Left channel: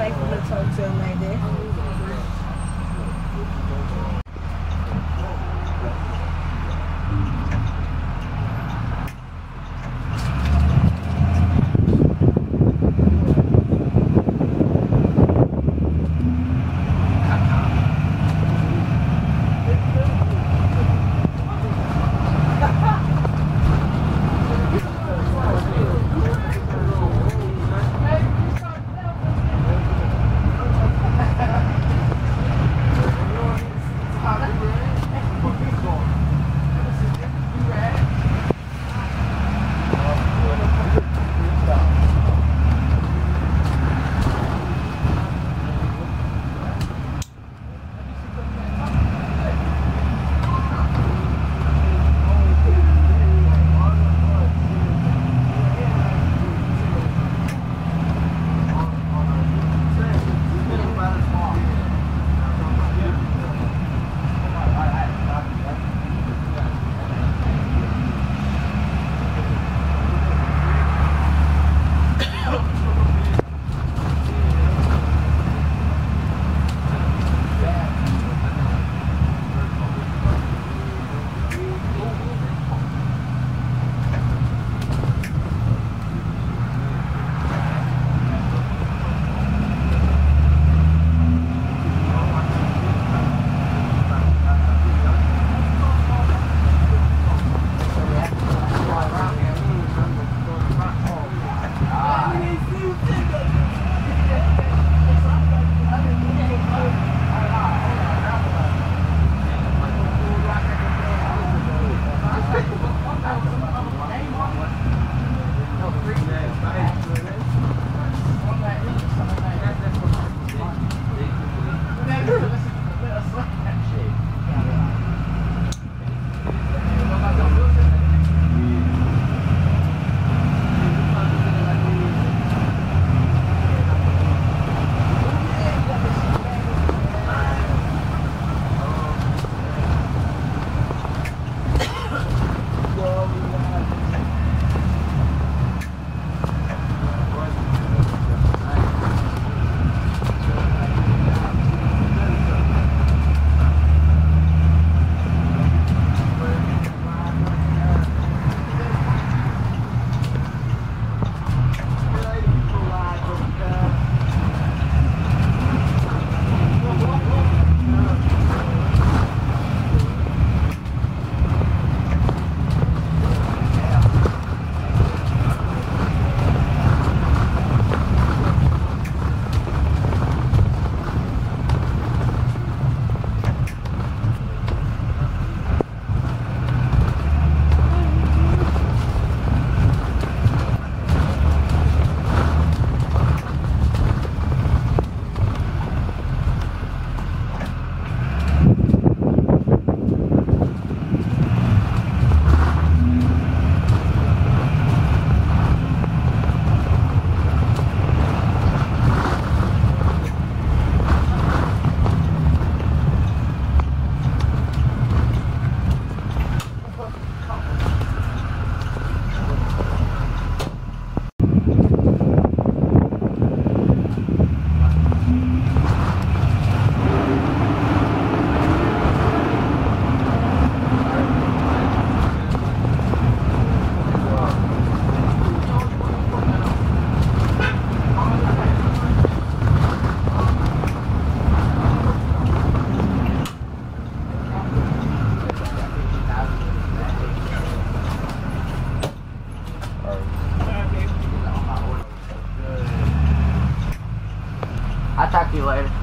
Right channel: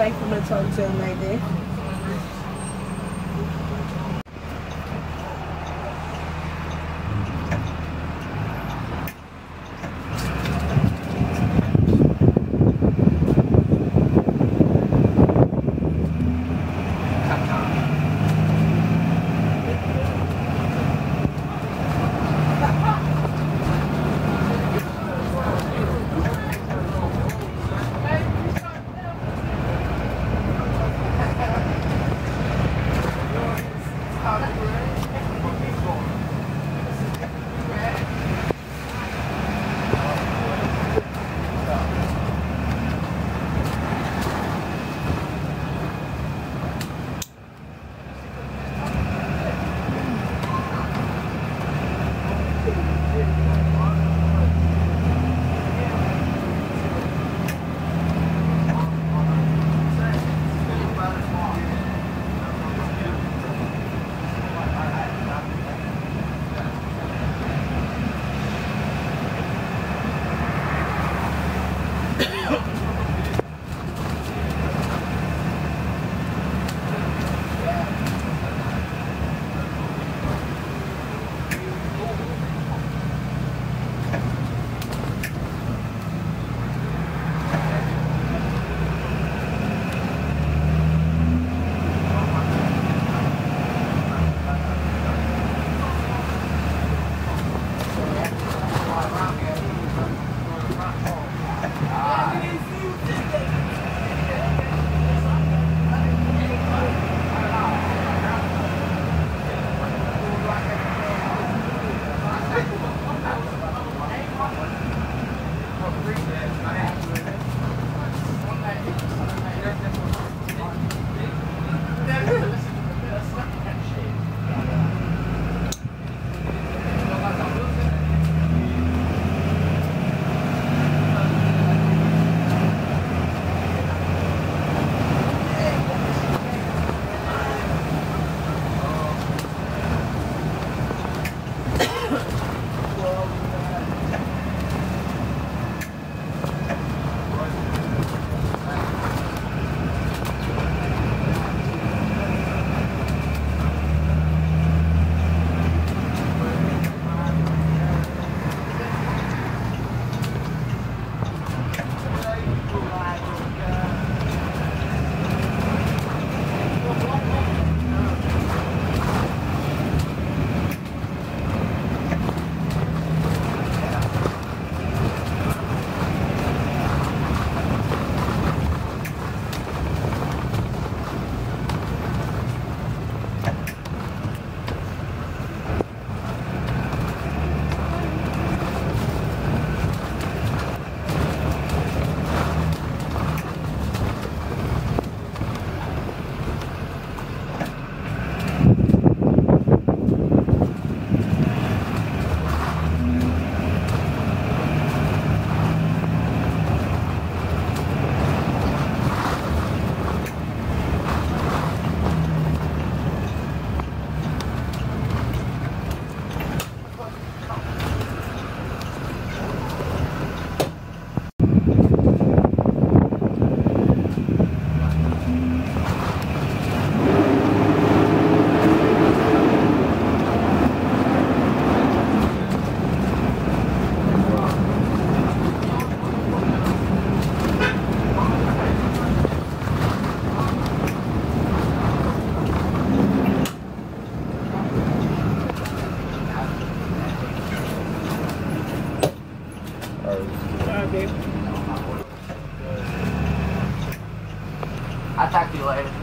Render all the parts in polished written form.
like them to talk to him like that. I'll talk to you later.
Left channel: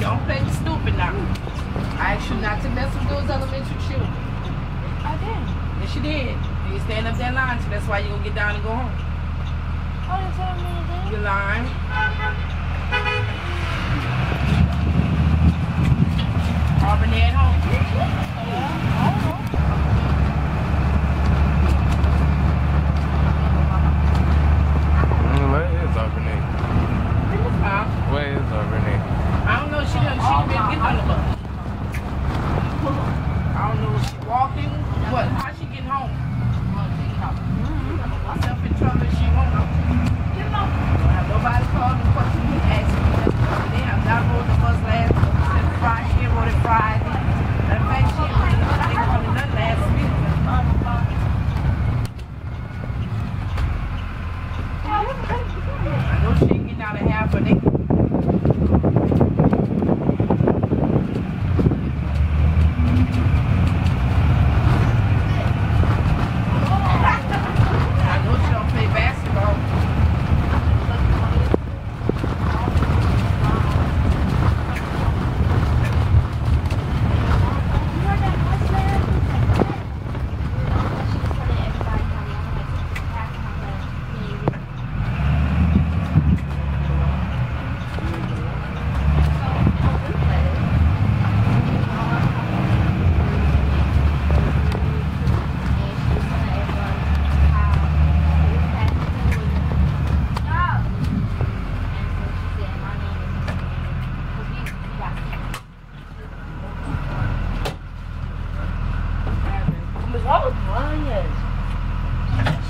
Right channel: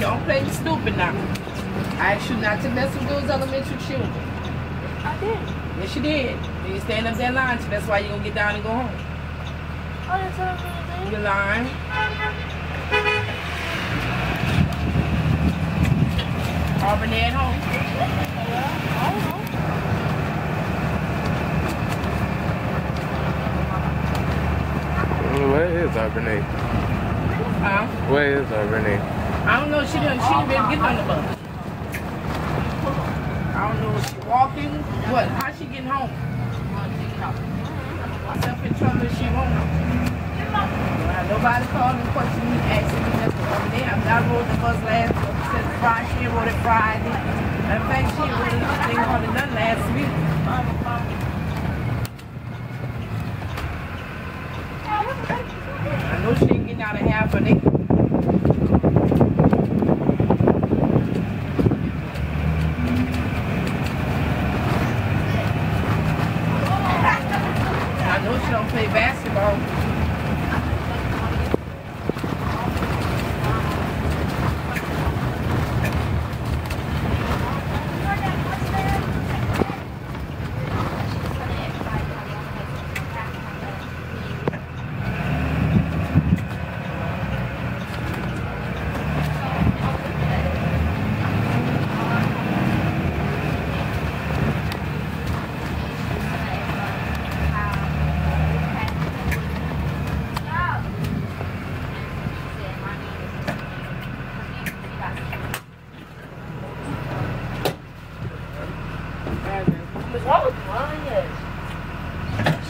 Don't play stupid now. I asked you not to mess with those elementary children. I did. Yes, you did. You stand up there lying, so that's why you're gonna get down and go home. Oh, that's what I'm gonna do. You're lying. Auburn at home. Where is Auburn? Huh? Where is Auburn? I don't know. She didn't get on the bus. I don't know. Is she walking? What? How's she getting home? Myself in trouble. She won't. Nobody called me question me asking me just to come in. I rode the bus last Friday. She rode it Friday. In fact, she rode it done last week. I know she ain't getting out of half of it.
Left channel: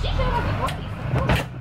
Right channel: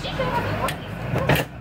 She can